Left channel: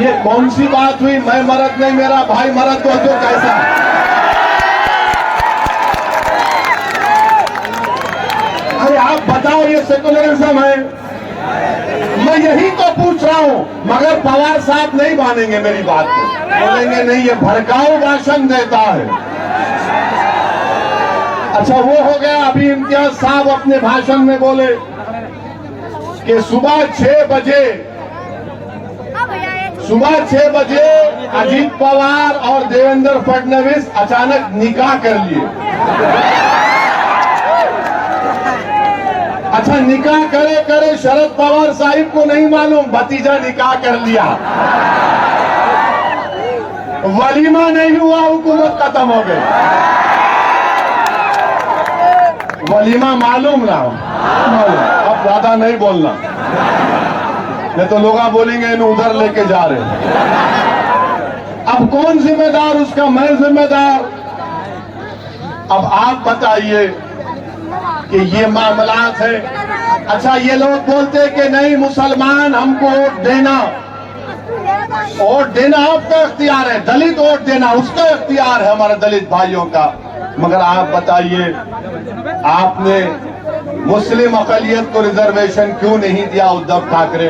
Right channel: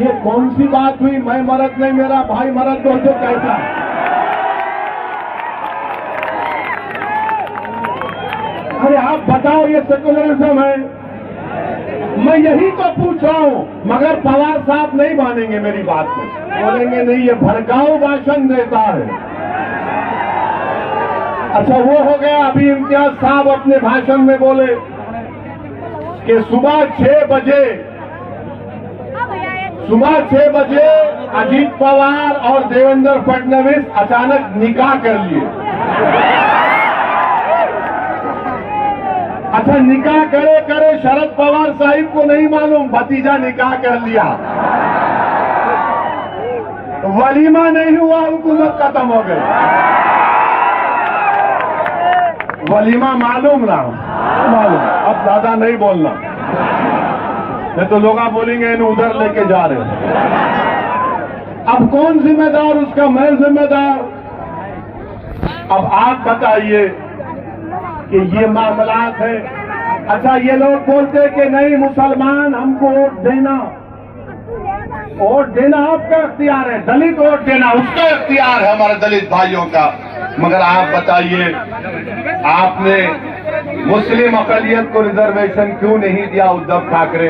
ये कौन सी बात हुई, मैं मर्द नहीं मेरा भाई मर्द हो तो कैसा? अरे आप बताओ, ये सेकुलरिज्म है? मैं यही तो पूछ रहा हूं, मगर पवार साहब नहीं मानेंगे मेरी बात को, बोलेंगे नहीं ये भड़काऊ भाषण देता है। अच्छा वो हो गया। अभी इम्तियाज साहब अपने भाषण में बोले कि सुबह 6 बजे अजीत पवार और देवेंद्र फडणवीस अचानक निकाह कर लिए। अच्छा निकाह करे करे शरद पवार साहिब को नहीं मालूम भतीजा निकाह कर लिया, वलीमा नहीं हुआ, हुकूमत खत्म हो गई। वलीमा मालूम ना, अब ज्यादा नहीं बोलना, नहीं तो लोग बोलेंगे इन उधर लेके जा रहे हैं। अब कौन जिम्मेदार उसका? मैं जिम्मेदार। अब आप बताइए कि ये मामलात है। अच्छा ये लोग बोलते कि नहीं मुसलमान हमको वोट देना आपका इख्तियार है, दलित वोट देना उसका इख्तियार है, हमारे दलित भाइयों का। मगर आप बताइए, आपने मुस्लिम अकलियत को रिजर्वेशन क्यों नहीं दिया उद्धव ठाकरे?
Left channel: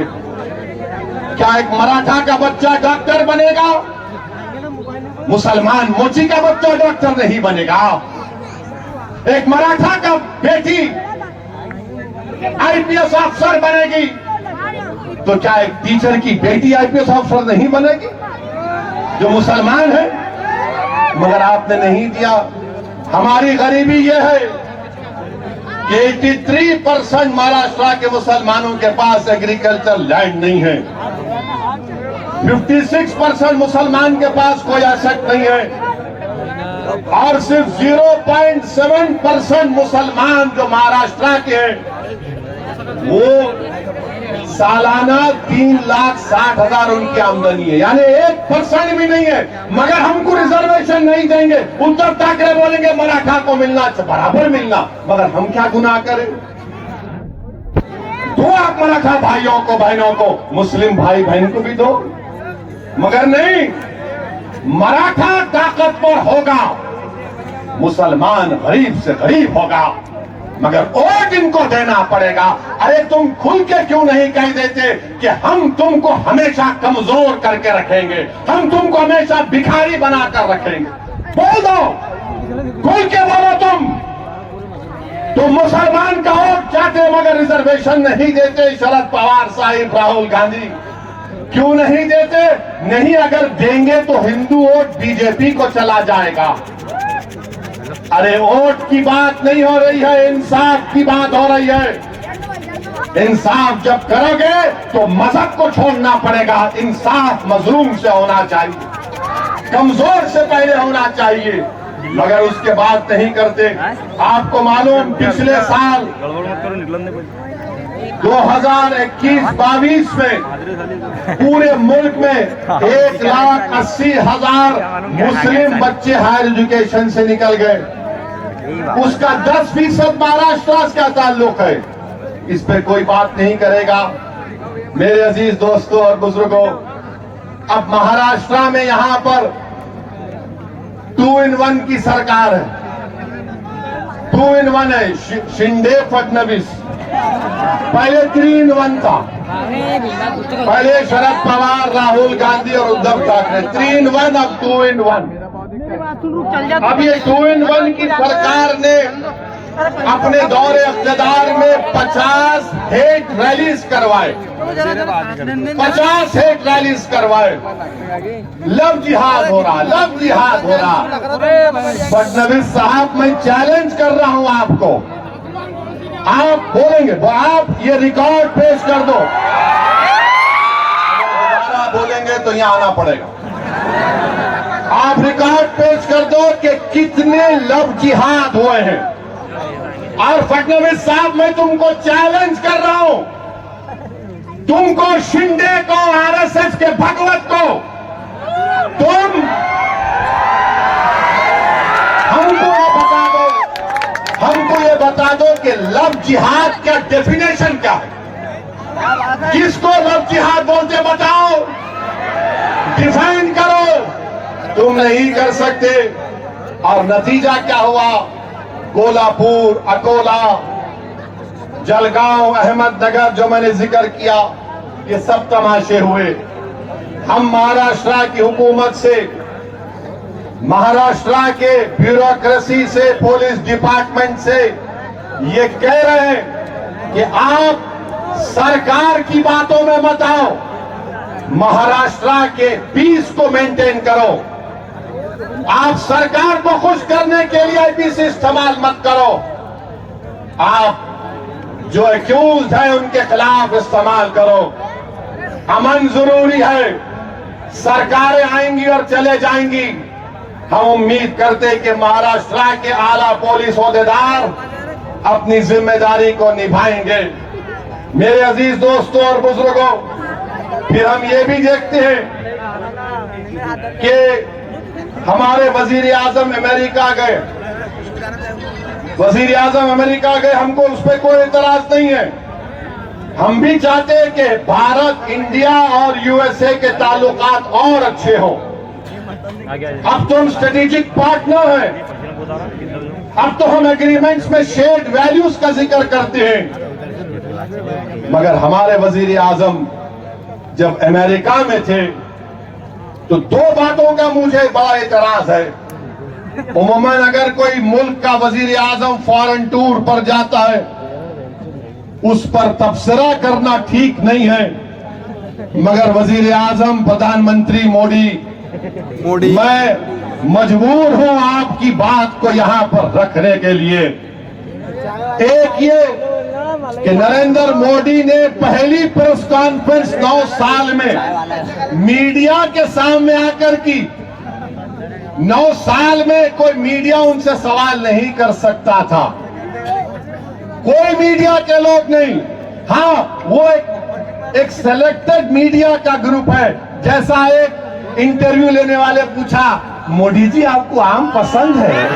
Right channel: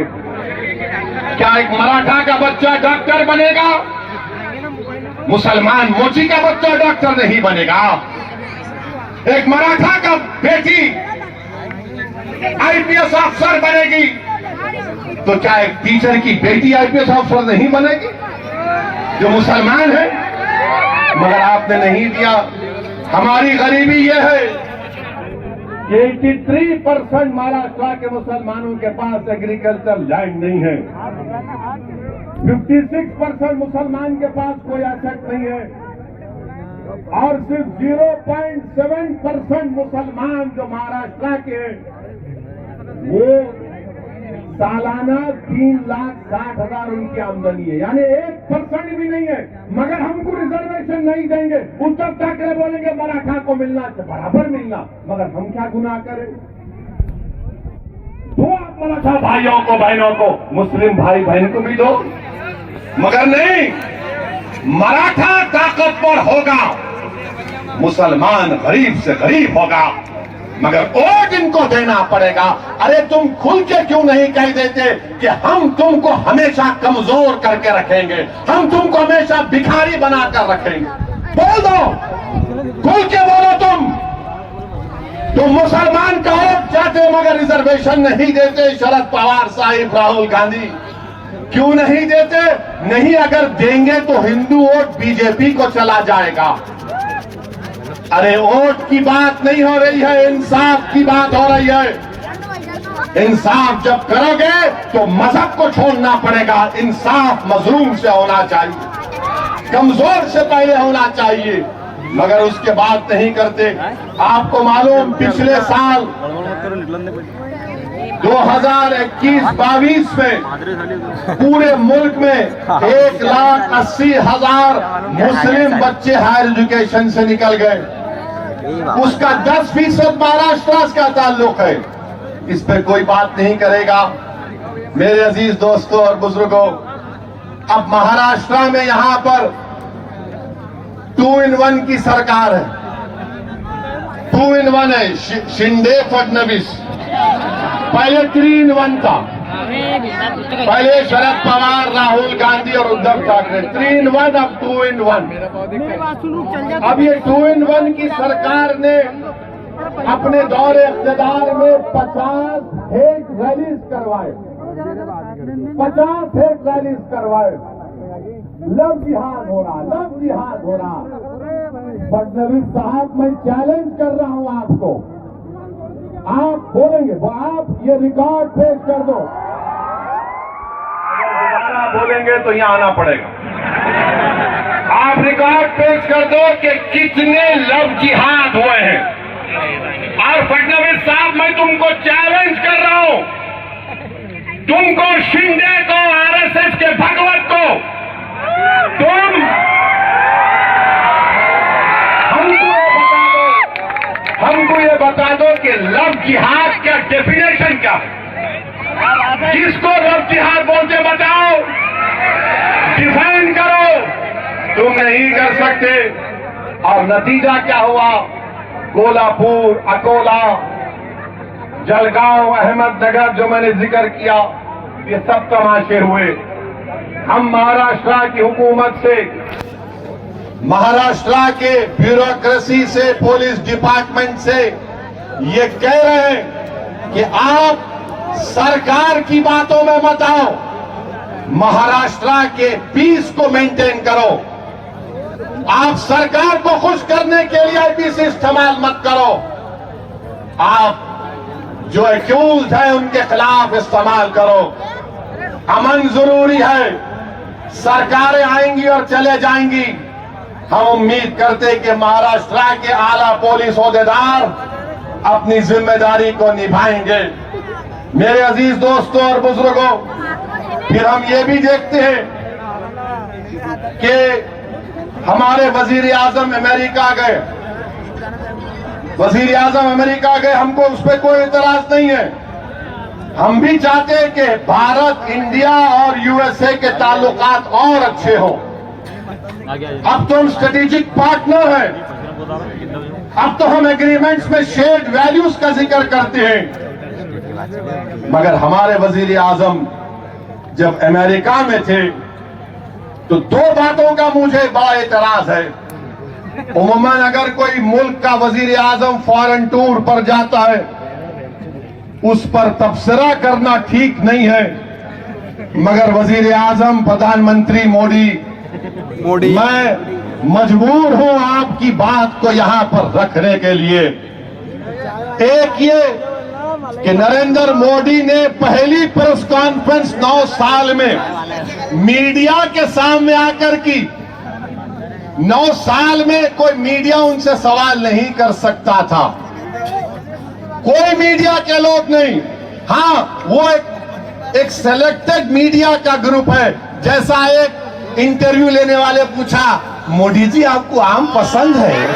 क्या एक मराठा का बच्चा डॉक्टर बनेगा? मुसलमान मोची का बच्चा डॉक्टर नहीं बनेगा। एक मराठा का बेटी आईपीएस अफसर बनेगी, तो क्या एक टीचर की बेटी आईपीएस अफसर नहीं बनेगी जो मुसलमान है? मगर आपने नहीं दिया। हमारी गरीबी यह है कि 83% महाराष्ट्र के मुसलमानों के पास एग्रीकल्चर लैंड नहीं है, 56% मुसलमान के पास कोई एसेट नहीं है, और सिर्फ 0.7% मुसलमान जो महाराष्ट्र के हैं वो सालाना 3,60,000 उनकी आमदनी है, यानी 1% भी नहीं है। मगर हमको रिजर्वेशन नहीं देंगे। उद्धव ठाकरे बोलेंगे मराठा को मिलना बराबर मिलना, मगर हम क्या गुनाह करें? दो आप मराठा भाइयों को बहनों को, मुस्लिम भाई बहन को भी दो, मगर नहीं। मराठा ताकतवर होगा, मुसलमान गरीब से गरीब होगा, मगर वोट इनको देना पड़ेगा। अरे तुम खुल के क्यों नहीं कह देते कि हम तुमको हमेशा कमजोर करके रखेंगे, हम तुमको हमेशा भिखारी बनाकर रखेंगे? बोल दो, खुल के बोलो। तुम मुसलमान का वोट चाहते मगर रिजर्वेशन नहीं देते। शरद पवार साहिब, राहुल गांधी क्यों नहीं देते? नहीं, अगर देंगे तो हिंदू वोट बीजेपी को चला जाएगा। अरे वोट की बात नहीं हो रही है, इंसाफ की बात हो रही है। इंसाफ जब करोगे तो मजहब को छोड़ना पड़ेगा। इंसाफ मजलूम से होना चाहिए, कमजोर से पहले होना चाहिए, मगर उसके बाद नहीं करते। आपको मालूम पिछले साल 2021-22 में पूरे मुल्क में 1,80,000 मुस्लिम बच्चे हायर एजुकेशन से निकल गए, उसका 10% महाराष्ट्र का ताल्लुक है। इस पर कोई बात नहीं करेगा। मेरे अजीज दोस्तों और बुजुर्गों, अब महाराष्ट्र में यहां पर 2-in-1 की सरकार है। 2-in-1 है, शिंदे फडणवीस। पहले 3-in-1 था, पहले शरद पवार, राहुल गांधी और उद्धव ठाकरे। 3-in-1, अब 2-in-1। अब ये 2-in-1 की सरकार ने अपने दौरे इख्तियार में 50 हेट रैलीज करवाए, 50 हेट रैलीज करवाए। लव जिहाद हो रहा, लव जिहाद हो रहा। फडणवीस साहब, मैं चैलेंज कर रहा हूं आपको, आप बोलेंगे, आप ये रिकॉर्ड पेश कर दो। अगर दोबारा बोलेंगे तो यहां आना पड़ेगा। आप रिकॉर्ड पेश कर दो कि कितने लव जिहाद हुए हैं। और फडणवीस साहब, मैं तुमको चैलेंज कर रहा हूं, तुमको, शिंदे को, आरएसएस के भगवत को, हमको ये बता दो कि लव जिहाद का डेफिनेशन क्या है? किसको लव जिहाद बोलते बताओ? डिफाइन करो, तुम नहीं कर सकते। और नतीजा क्या हुआ? कोल्हापुर, अकोला, जलगांव, अहमदनगर जो मैंने जिक्र किया, ये सब तमाशे हुए। हम महाराष्ट्र की हुकूमत से, महाराष्ट्र के ब्यूरोक्रेसी से, पुलिस डिपार्टमेंट से ये कह रहे हैं कि आप सरकार की बातों में मत आओ, महाराष्ट्र के पीस को मेंटेन करो। आप सरकार को खुश करने के लिए आईपीसी इस्तेमाल मत करो। आप जो एक्यूज है उनके खिलाफ इस्तेमाल करो। अमन जरूरी है। सरकारें आएंगी और चले जाएंगी। हम उम्मीद करते कि महाराष्ट्र के आला पुलिस ओहदेदार अपनी जिम्मेदारी को निभाएंगे। मेरे अजीज दोस्तों और बुजुर्गों, फिर हम ये भी देखते हैं कि हमारे वजीर आजम अमेरिका गए। वजीर आजम अमेरिका गए, हमको उस पर कोई इतराज नहीं है। हम भी चाहते हैं कि भारत, इंडिया और यूएसए के ताल्लुकात और अच्छे हो। अब तो हम स्ट्रेटेजिक पार्टनर हैं। अब तो हम एग्रीमेंट्स में शेयर्ड वैल्यूज का जिक्र करते हैं। मगर हमारे वजीर आजम जब अमेरिका में थे तो दो बातों का मुझे बड़ा एतराज है। उमूमन अगर कोई मुल्क का वजीर आजम फॉरेन टूर पर जाता है, उस पर तबसरा करना ठीक नहीं है। मगर वजीर आजम प्रधानमंत्री मोदी, मैं मजबूर हूं आपकी बात को यहां पर रखने के लिए। एक ये कि नरेंद्र मोदी ने पहली प्रेस कॉन्फ्रेंस 9 साल में मीडिया के सामने आकर की। 9 साल में कोई मीडिया उनसे सवाल नहीं कर सकता था, कोई मीडिया के लोग नहीं। हाँ, वो एक सिलेक्टेड मीडिया का ग्रुप है। जैसा एक इंटरव्यू लेने वाले पूछा, मोदी जी आपको आम पसंद है?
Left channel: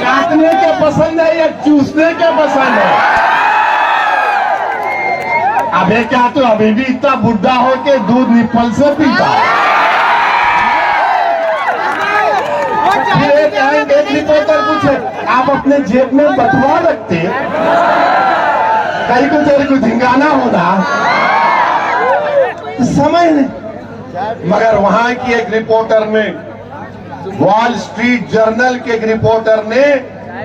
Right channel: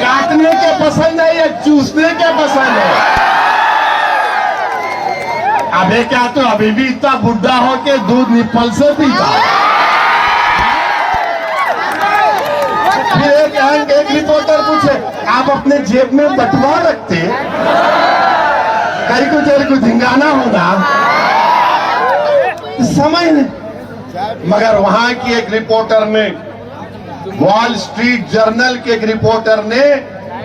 काटने के पसंद है या चूसने के पसंद है? अबे क्या तो अभी भी इतना बुढ़ा हो के दूध निप्पल से पीता है। फिर एक रिपोर्टर पूछे, आप अपने जेब में बटुआ रखते? कहीं को तेरे को धिंगाना होगा, समझ नहीं। मगर वहां की एक रिपोर्टर ने, वॉल स्ट्रीट जर्नल के एक रिपोर्टर ने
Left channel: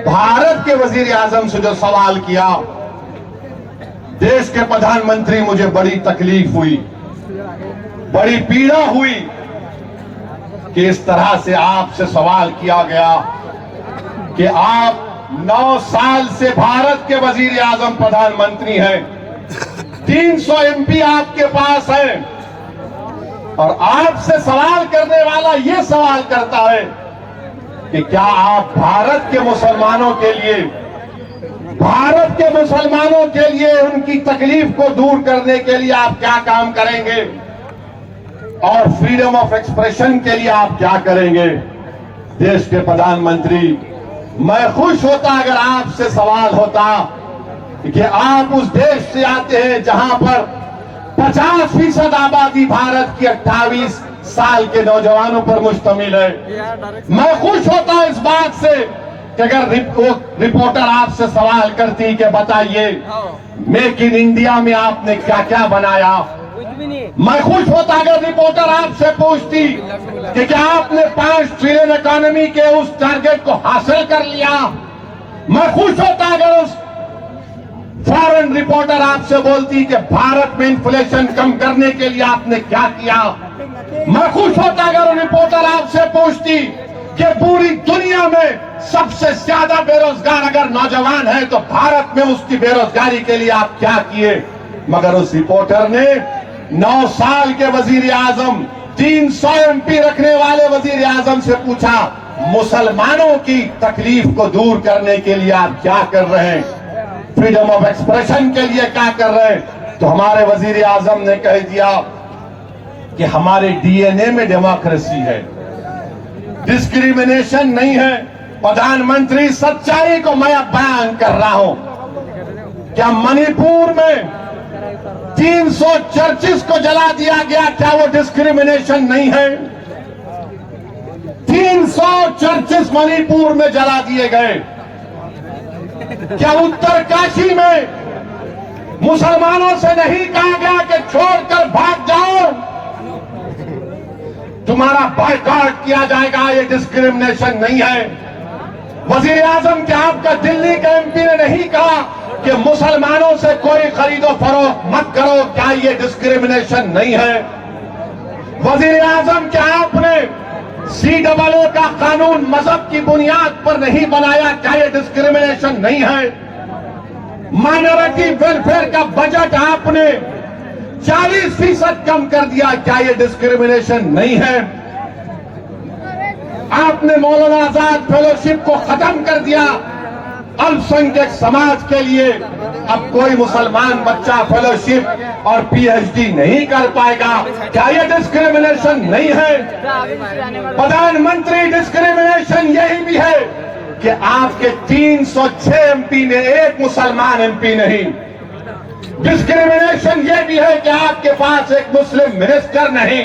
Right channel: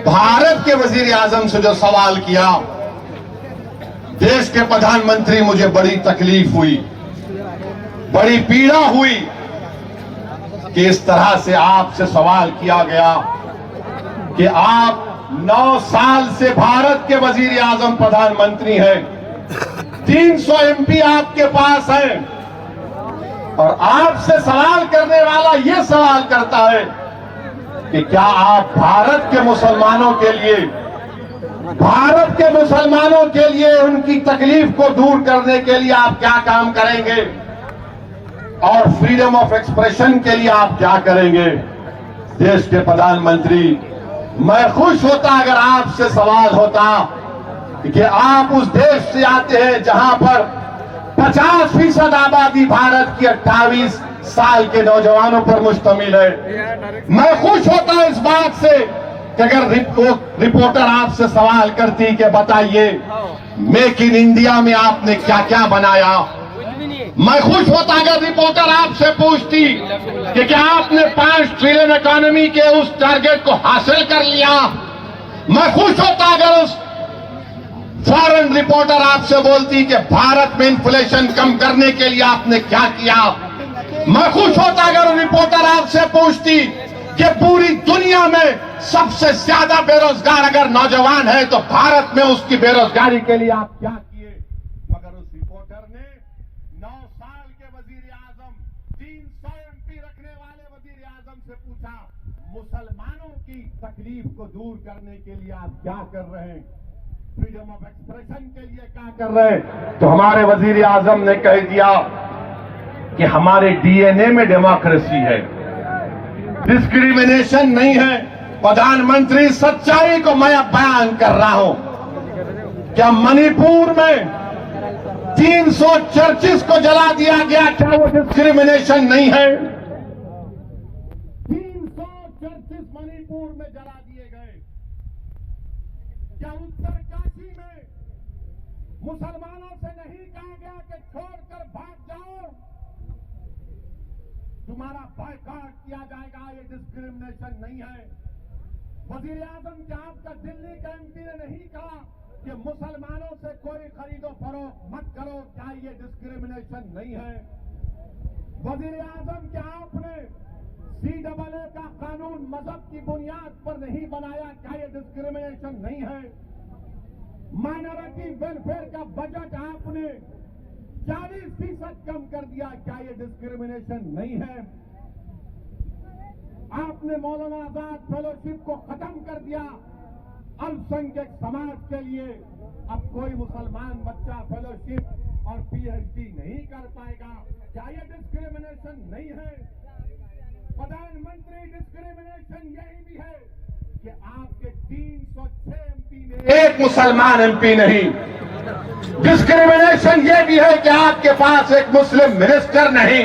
भारत के वजीर आजम से जो सवाल किया, देश के प्रधानमंत्री, मुझे बड़ी तकलीफ हुई, बड़ी पीड़ा हुई कि इस तरह से आपसे सवाल किया गया कि आप 9 साल से भारत के वजीर आजम प्रधानमंत्री हैं, 300 एमपी आपके पास हैं, और आपसे सवाल करने वाला ये सवाल करता है कि क्या आप भारत के मुसलमानों के लिए उनकी तकलीफ को दूर करने के लिए आप क्या काम करेंगे, और फ्रीडम ऑफ एक्सप्रेशन के लिए आप क्या करेंगे। देश के प्रधानमंत्री, मैं खुश होता अगर आपसे सवाल होता कि आप उस देश से आते हैं जहां पर 50% आबादी भारत की 28 साल के नौजवानों पर मुश्तमिल है। मैं खुश होता इस बात से कि अगर रिपोर्टर आपसे सवाल करती कि बताइए मेक इन इंडिया में आपने क्या क्या बनाया। मैं खुश होता अगर रिपोर्टर आपसे पूछती कि क्या आपने 5 ट्रिलियन इकोनॉमी के उस टारगेट को हासिल कर लिया। मैं खुश होता अगर उस फॉरेन रिपोर्टर आपसे बोलती कि भारत में इन्फ्लेशन कम करने के लिए आपने क्या किया। मैं खुश होता अगर रिपोर्टर आपसे पूछती कि पूरी दुनिया में सबसे ज्यादा बेरोजगार अगर नौजवान है तो भारत में उसकी बेरोजगारी के लिए आप क्या किए। मगर उस रिपोर्टर ने 9 साल के वजीर आजम, 300 एमपी रखने वाले वजीर आजम से पूछा, मुसलमानों की तकलीफ को दूर करने के लिए आप क्या कर रहे हैं, फ्रीडम ऑफ एक्सप्रेशन के लिए क्या कर रहे हैं। तो हमारे वजीर आजम ने कह दिया कि हमारे डीएनए में डेमोक्रेसी है, डिस्क्रिमिनेशन नहीं है। प्रधानमंत्री, सच्चाई को मैं अब बयान कर रहा हूं। क्या मणिपुर में 300 चर्चिस को जला दिया गया, क्या वो डिस्क्रिमिनेशन नहीं है? 300 चर्चिस मणिपुर में जला दिए गए। क्या उत्तरकाशी में मुसलमानों से नहीं कहा गया कि छोड़कर भाग जाओ, तुम्हारा बायकॉट किया जाएगा? ये डिस्क्रिमिनेशन नहीं है। वजीर आजम, क्या आपका दिल्ली के एमपी ने नहीं कहा कि मुसलमानों से कोई खरीदो फरोख्त मत करो? क्या ये डिस्क्रिमिनेशन नहीं है? वजीर आजम, क्या आपने CAA का कानून मजहब की बुनियाद पर नहीं बनाया? क्या ये डिस्क्रिमिनेशन नहीं है? माइनॉरिटी वेलफेयर का बजट आपने 40% कम कर दिया, क्या ये डिस्क्रिमिनेशन नहीं है? आपने मौलाना आजाद फेलोशिप को खत्म कर दिया अल्पसंख्यक समाज के लिए। अब कोई मुसलमान बच्चा फेलोशिप और PhD नहीं कर पाएगा, क्या ये डिस्क्रिमिनेशन नहीं है? प्रधानमंत्री, डिस्क्रिमिनेशन यही भी है कि आपके 306 MP ने एक मुसलमान MP नहीं। डिस्क्रिमिनेशन यह भी है कि आपके पास एक मुस्लिम मिनिस्टर नहीं।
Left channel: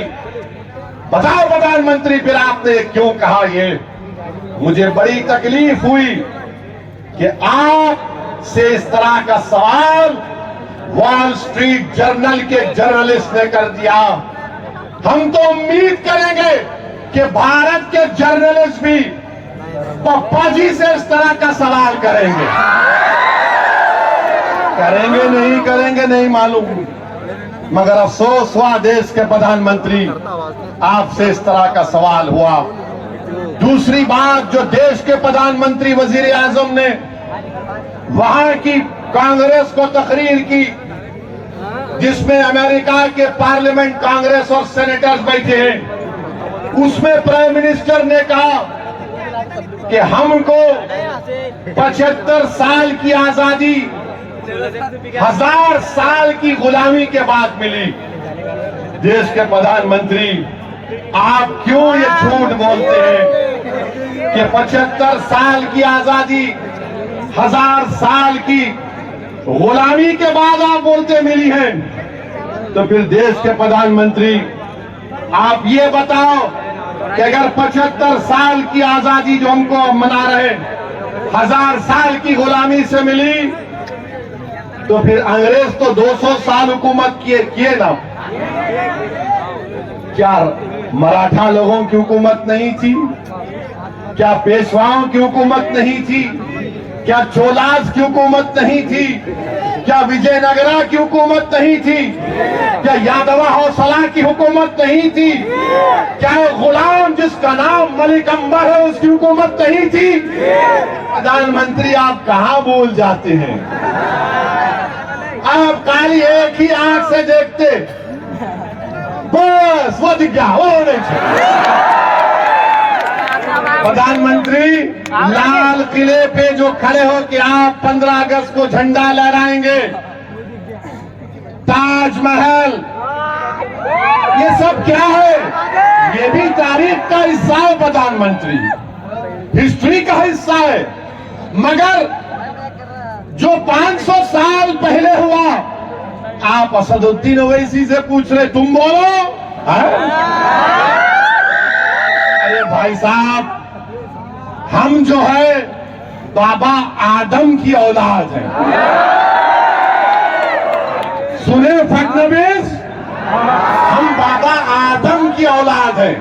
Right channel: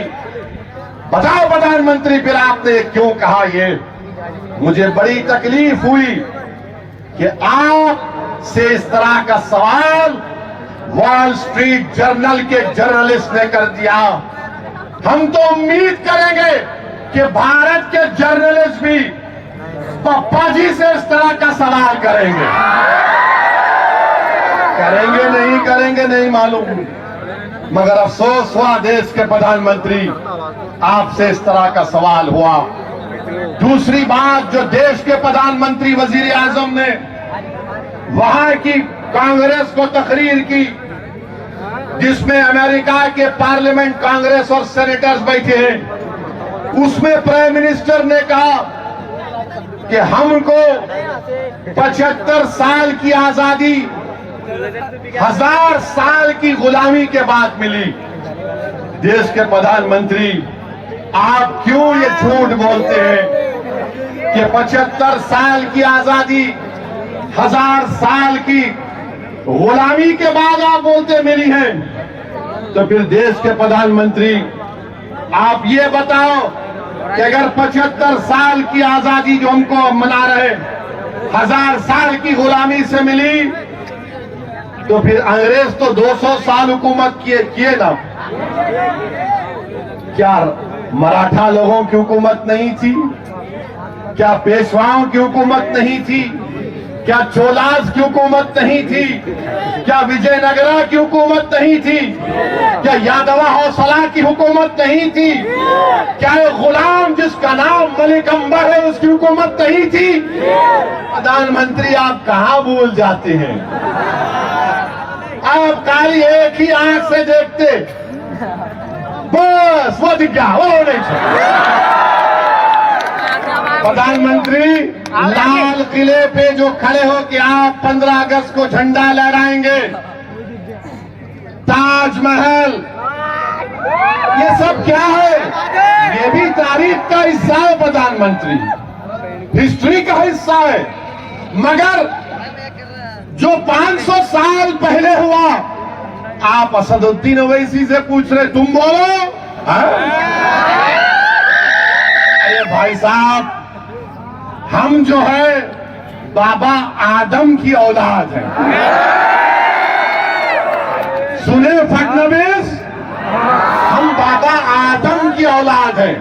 बताओ प्रधानमंत्री, फिर आपने क्यों कहा ये? मुझे बड़ी तकलीफ हुई कि आप से इस तरह का सवाल वॉल स्ट्रीट जर्नल के जर्नलिस्ट ने कर दिया। हम तो उम्मीद करेंगे कि भारत के जर्नलिस्ट भी पप्पा जी से इस तरह का सवाल करेंगे। करेंगे नहीं करेंगे नहीं मालूम, मगर अफसोस हुआ देश के प्रधानमंत्री, आपसे इस तरह का सवाल हुआ। दूसरी बात, जो देश के प्रधानमंत्री वजीर आजम ने वहां की कांग्रेस को तकरीर की, जिसमें अमेरिका के पार्लियामेंट कांग्रेस और सेनेटर्स बैठे हैं, उसमें प्राइम मिनिस्टर ने कहा कि हमको 75 साल की आजादी 1000 साल की गुलामी के बाद मिली। देश के प्रधानमंत्री, आप क्यों ये झूठ बोलते हैं कि 75 साल की आजादी 1000 साल की गुलामी के बाद आप बोलते मिली है? तो फिर देश के प्रधानमंत्री, आप ये बताओ कि अगर 75 साल की आजादी जो हमको मना रहे 1000 साल की गुलामी से मिली, तो फिर अंग्रेज तो 200 साल हुकूमत किए ना? क्या मराठा लोगों की हुकूमत नहीं थी? क्या पेशवाओं की हुकूमत नहीं थी? क्या चोलास की हुकूमत नहीं थी? क्या विजयनगरा की हुकूमत नहीं थी? क्या यादवा हौसला की हुकूमत नहीं थी? क्या एक गुलाम जिसका नाम मलिक अंबर है उसकी हुकूमत नहीं थी? प्रधानमंत्री, आप कहां भूल जाते हैं? आप खाली एक ही आंख से देखते, बस वो दिख गया, वो नहीं था। प्रधानमंत्री, लाल किले पे जो खड़े हो कि आप 15 अगस्त को झंडा लहराएंगे, ताजमहल, ये सब क्या है? ये भी तारीख का हिस्सा है प्रधानमंत्री, हिस्ट्री का हिस्सा है। मगर जो 500 साल पहले हुआ, आप असदुद्दीन ओवैसी से पूछ रहे, तुम बोलो। अरे भाई साहब, हम जो है बाबा आदम की औलाद हैं। सुने फडणवीस, हम बाबा आदम की औलाद हैं।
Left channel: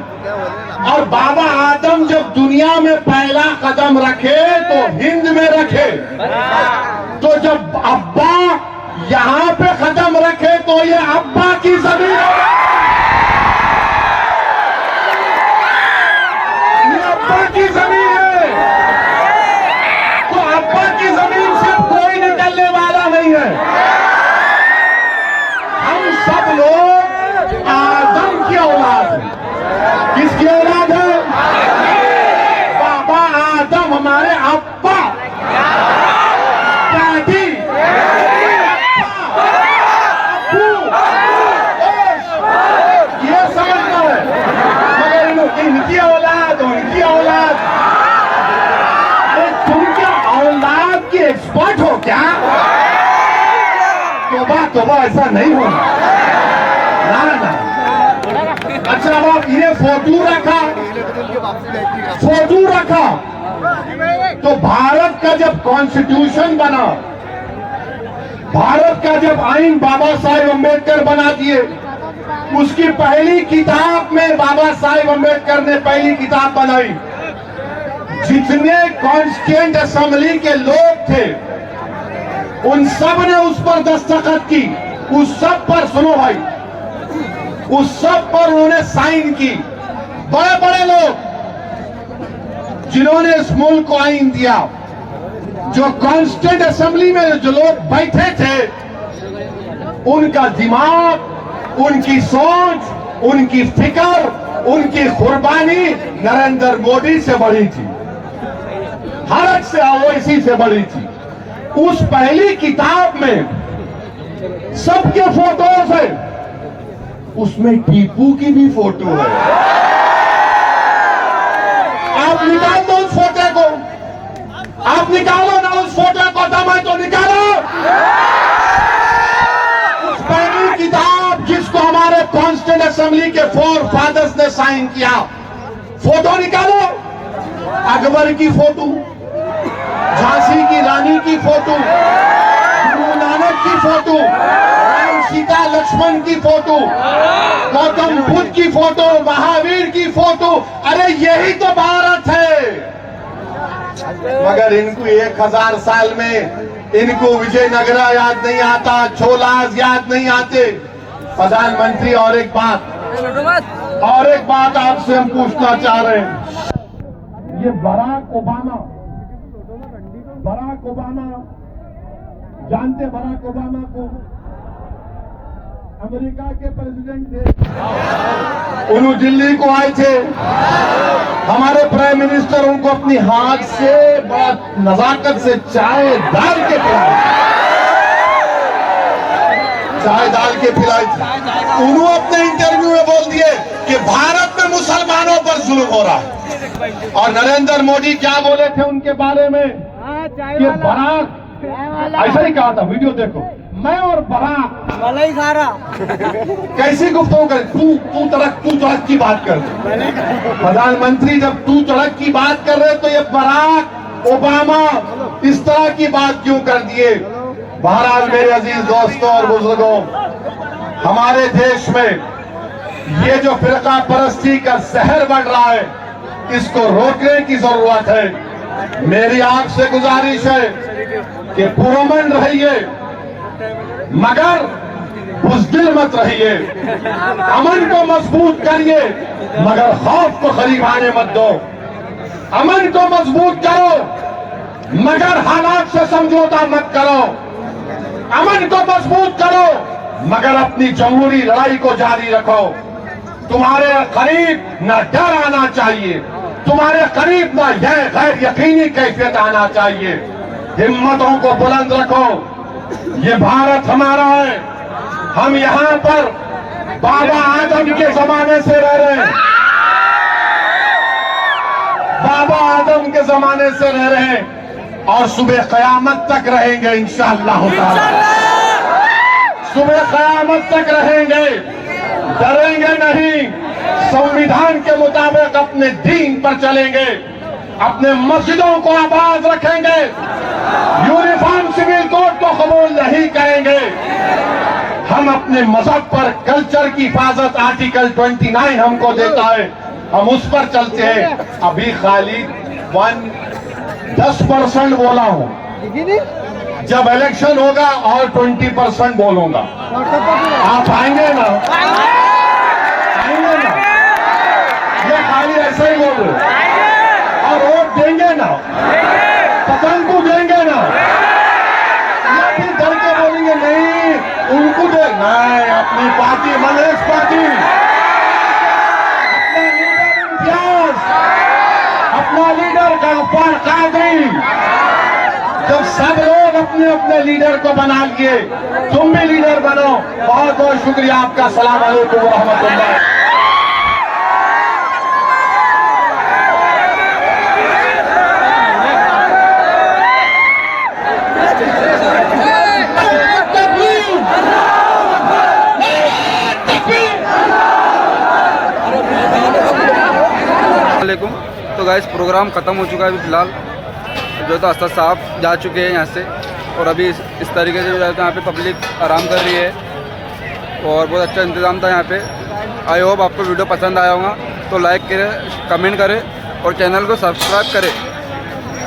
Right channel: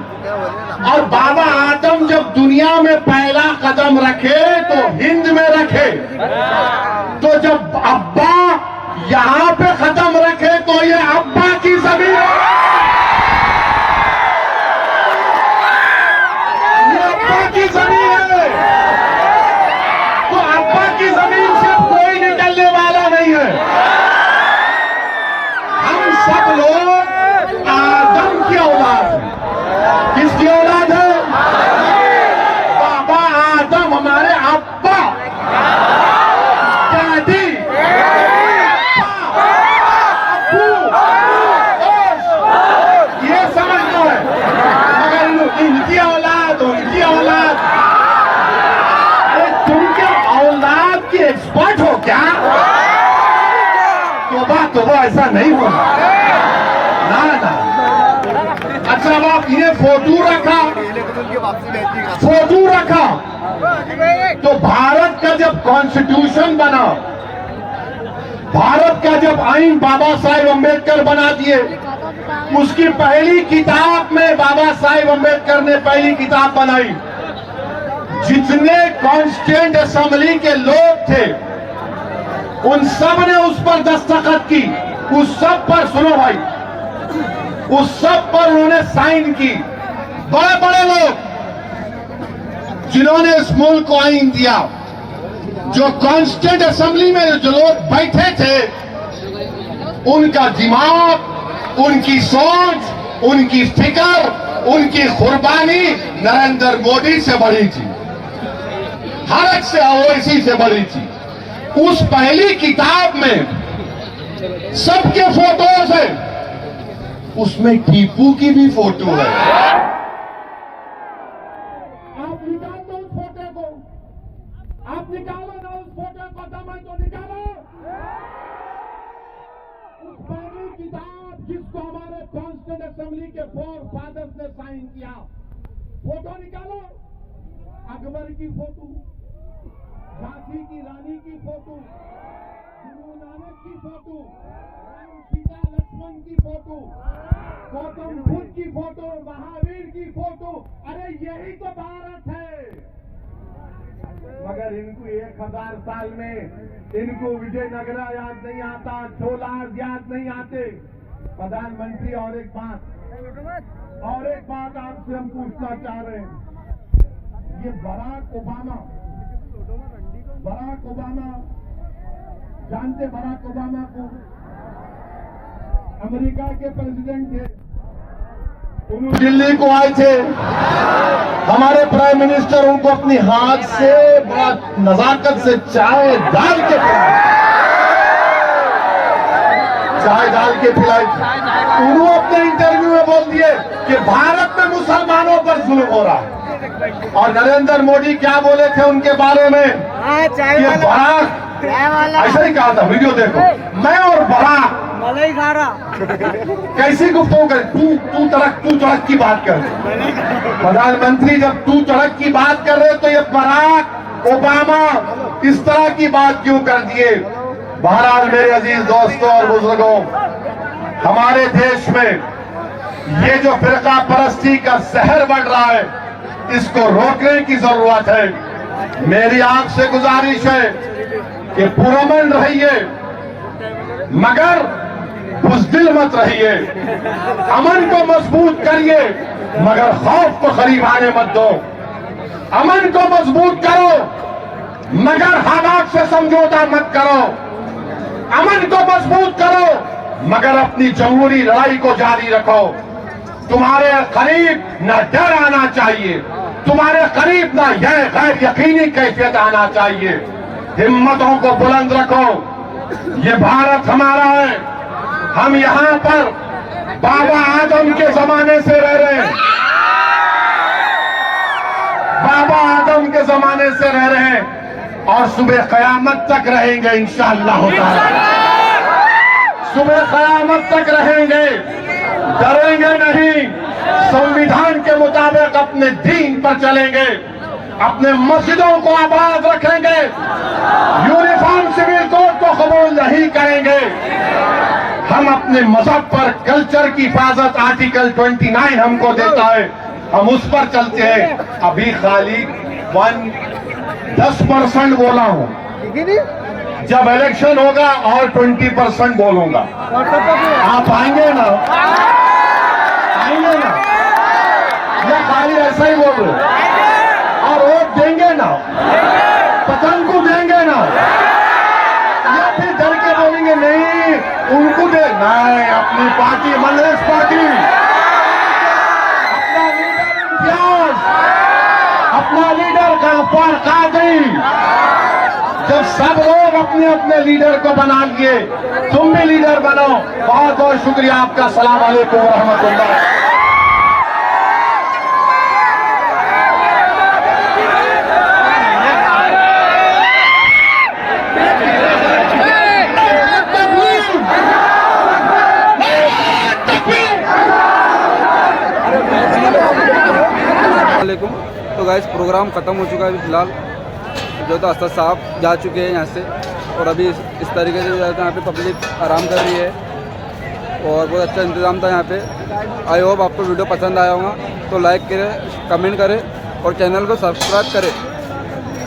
और बाबा आदम जब दुनिया में पहला कदम रखे तो हिंद में रखे, तो जब अब्बा यहां पे कदम रखे तो ये अब्बा की जमीन है, ये अब्बा की जमीन है। तो अब्बा की जमीन से कोई निकलने वाला नहीं है। हम सब लोग आदम की औलाद हैं। किसकी औलाद है? बाबा आदम, हमारे अब्बा, दादी, ये समझना है। मगर इनकी औलाद, उनकी औलाद, अरे तुम क्या औलाद के एक्सपर्ट हो क्या? तौबा तो वो ऐसा नहीं होगा ना ना। अच्छा अब ये फोटो रखा तो भारत का जब कॉन्स्टिट्यूशन बना, भारत का जब आईन बाबा साहेब अम्बेडकर बना दिए, उसकी पहली किताब में बाबा साहेब अम्बेडकर ने पहली किताब बनाई। जितने कॉन्स्टिट्यूएंट असेंबली के लोग थे उन सब ने उस पर दस्तखत की, उस सब पर, सुनो भाई, उस सब पर उन्होंने साइन की। बड़े बड़े लोग जिन्होंने इस मुल्क को आइन दिया, जो कॉन्स्टिट्यूएंट असेंबली में जो लोग बैठे थे, उनका दिमाग, उनकी सोच, उनकी फिक्र, उनकी कुर्बानी नरेंद्र मोदी से बड़ी थी, हर एक से ओवैसी से बड़ी थी। उस पहली किताब में सबके फोटोज है, उसमें टीपू की भी फोटो है। आप निकाल दो उस फोटो को, आप निकालो ना उस फोटो को, दम है तो निकालो। उस पहली किताब जिसको हमारे कॉन्स्टिट्यूएंट असेंबली के 4 फादर्स ने साइन किया, फोटो निकालो। अकबर की फोटो, झांसी की रानी की फोटो, गुरु नानक की फोटो, राम सीता लक्ष्मण की फोटो, गौतम बुद्ध की फोटो, महावीर की फोटो। अरे यही तो भारत है। मगर इनको 1000 साल में इनको विजयनगरा याद नहीं आता, छोलास याद नहीं आते। प्रधानमंत्री और एक बात आपसे हम पूछना चाह रहे हैं। ये बराक ओबामा जानते? बराक ओबामा को अमेरिका के प्रेसिडेंट थे, उन्होंने दिल्ली को आए थे, हमारे प्राइम मिनिस्टर उनको अपनी हाथ से बड़ा नजाकत से चाय डाल के पिलाई थी। उन्होंने अपने इंटरव्यू में बोल दिए कि भारत में मुसलमानों पर जुल्म हो रहा है। और नरेंद्र मोदी क्या बोले थे उनके बारे में? कि बराक, ऐसा ही कहा था, वीडियो देखो, मैं और बराक कैसी गुफ्तगू करे, तू तड़क की बात कर। प्रधानमंत्री जब तू तड़क की बात कर रहे तो ये बराक ओबामा इस तरह की बात क्यों कर दिए? बहरहाल मेरे अजीज दोस्तों और बुजुर्गों, हमारे देश में ये जो फिरका परस्ती का जहर बढ़ रहा है, इसको रोकने की जरूरत है। मेरी आपसे गुजारिश है कि पुरअमन रहिए मगर बुज़दिल मत रहिए, अमन को मजबूत करिए मगर खौफ को करीब आने मत दो। अमन को मजबूत करो मगर हालात से समझौता मत करो। अमन को मजबूत करो मगर अपनी जमहूरी लड़ाई को जारी रखो। तुम्हारे करीब न डर आना चाहिए, तुम्हारे करीब न यह गैर यकीनी कैफियत आना चाहिए। हिम्मतों को बुलंद रखो। ये भारत हमारा है। हम यहाँ पर बाबा आदम के जमाने से रह रहे हैं, बाबा आदम के जमाने से रह रहे हैं और सुबह कयामत तक रहेंगे इंशाअल्लाह ताला। सुबह कयामत तक रहेंगे, डरेंगे नहीं, संविधान के मुताबिक अपने दीन पर चलेंगे, अपने मस्जिदों को आबाद रखेंगे, यूनिफॉर्म सिविल कोड को कबूल नहीं करेंगे। हम अपने मजहब पर कल्चर की हिफाजत आर्टिकल 29 हमको देता है, हम उस पर चलते हैं। अभी खाली 10% बोला हूं, जब इलेक्शन होगा और 20% बोलूंगा। आप आएंगे ना? आएंगे ना? ये खाली ऐसा ही बोल रहे और वोट देंगे ना? पतंग को देंगे ना? या फिर डर के बोलेंगे नहीं उनको दे, नहीं अपनी पार्टी मनरेस पार्टी, अपना लीडर इम्तियाज, अपना लीडर गल्फार कादरी। जब सब लोग अपने अपने लीडर को बना लिए, तुम भी लीडर बनो। बहुत बहुत शुक्रिया आपका। अस्सलाम वालेकुम व रहमतुल्लाह। वालेकुम। तो गाइस प्रोग्राम ख़त्म हो चुका है अभी फ़िलहाल, जो तो अस्ताद साहब जा चुके हैं यहाँ से, और अभी इस तरीके से जो है तो यहाँ पे पब्लिक आराम कर रही है और बहुत अच्छा इंतज़ाम था यहाँ पे। आई होप आपको वीडियो पसंद आया होगा, तो लाइक करें, कमेंट करें और चैनल को सब्सक्राइब करें।